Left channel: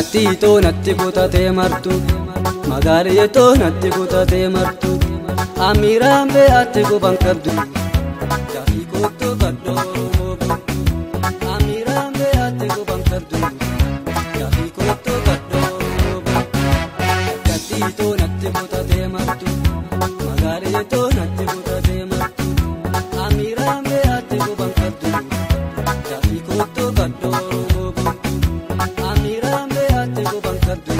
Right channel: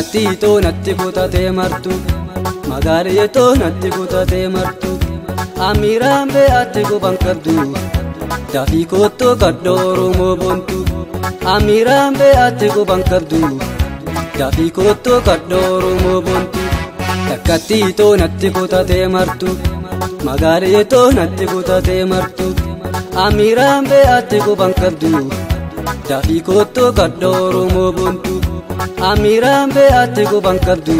Akkattiitoo natti kutatee martu magaaleetoo natti kutatee martu amiiraan be'aatti guban qabdu dafii koottoo kadhooruu moobontu amiiraan be'aatti guban qabdu dafii koottoo kadhooruu moobontu akkattiitoo natti kutatee martu magaaleetoo natti kutatee martu amiiraan be'aatti guban qabdu dafii koottoo kadhooruu moobontu amiiraan be'aatti guban qabdu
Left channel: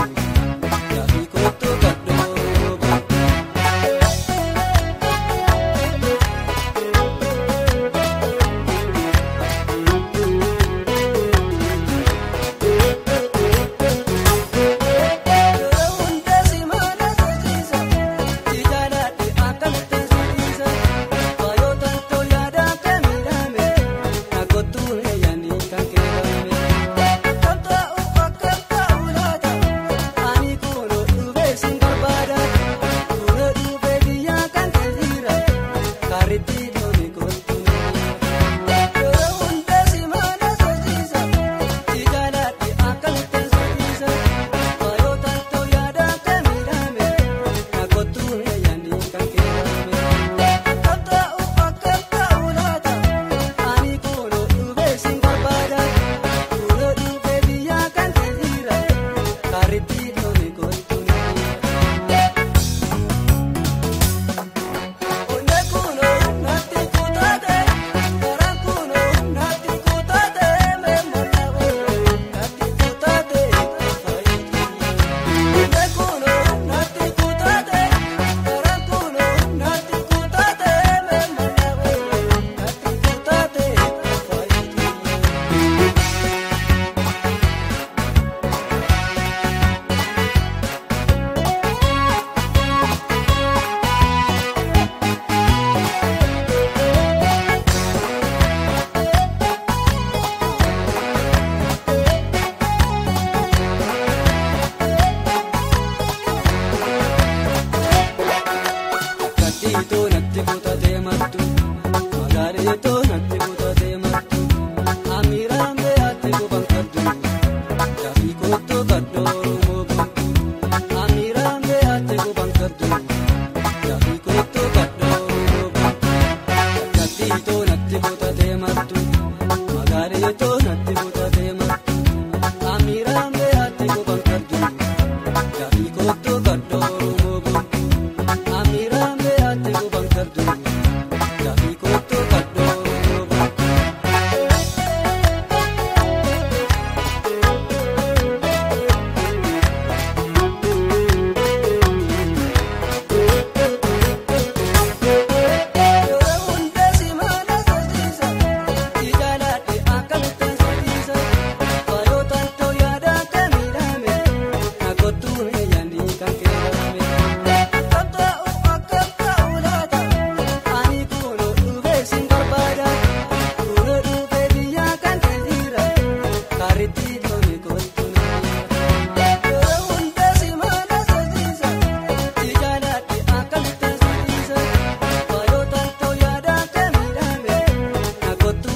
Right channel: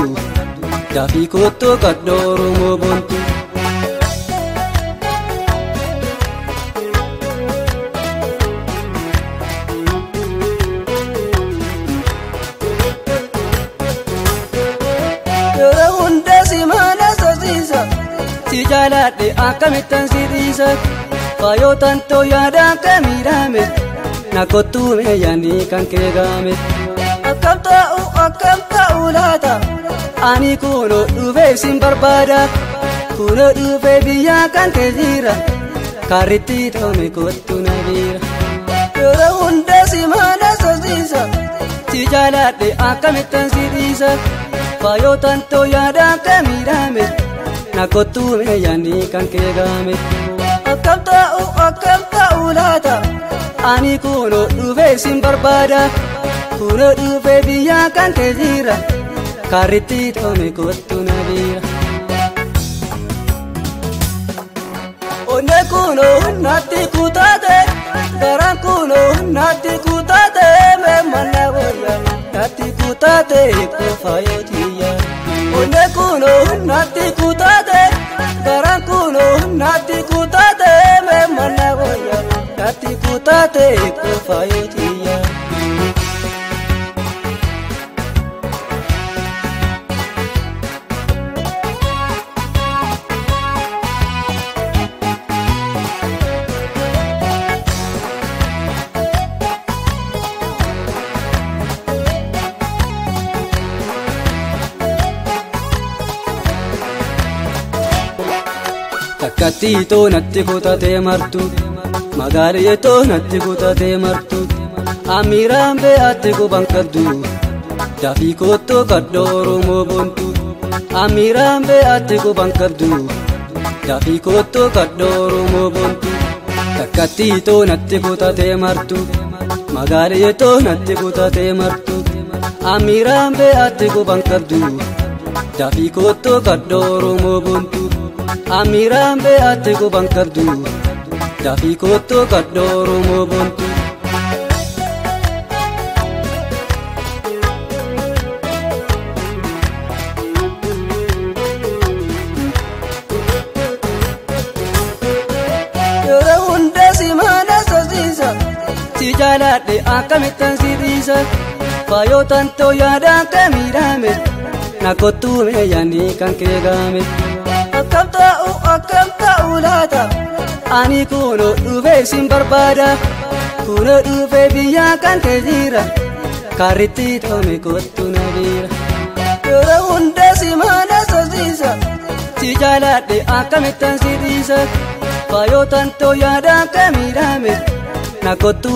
dafii koottoo kadhooruu moobontu. Akkattiitoo natti kutatee martu magaaleetoo natti kutatee martu amiiraan be'aatti guban qabdu dafii koottoo kadhooruu moobontu amiiraan be'aatti guban qabdu dafii koottoo kadhooruu moobontu akkattiitoo natti kutatee martu magaaleetoo natti kutatee martu amiiraan be'aatti guban qabdu dafii koottoo kadhooruu moobontu amiiraan be'aatti guban qabdu dafii koottoo kadhooruu moobontu. Tú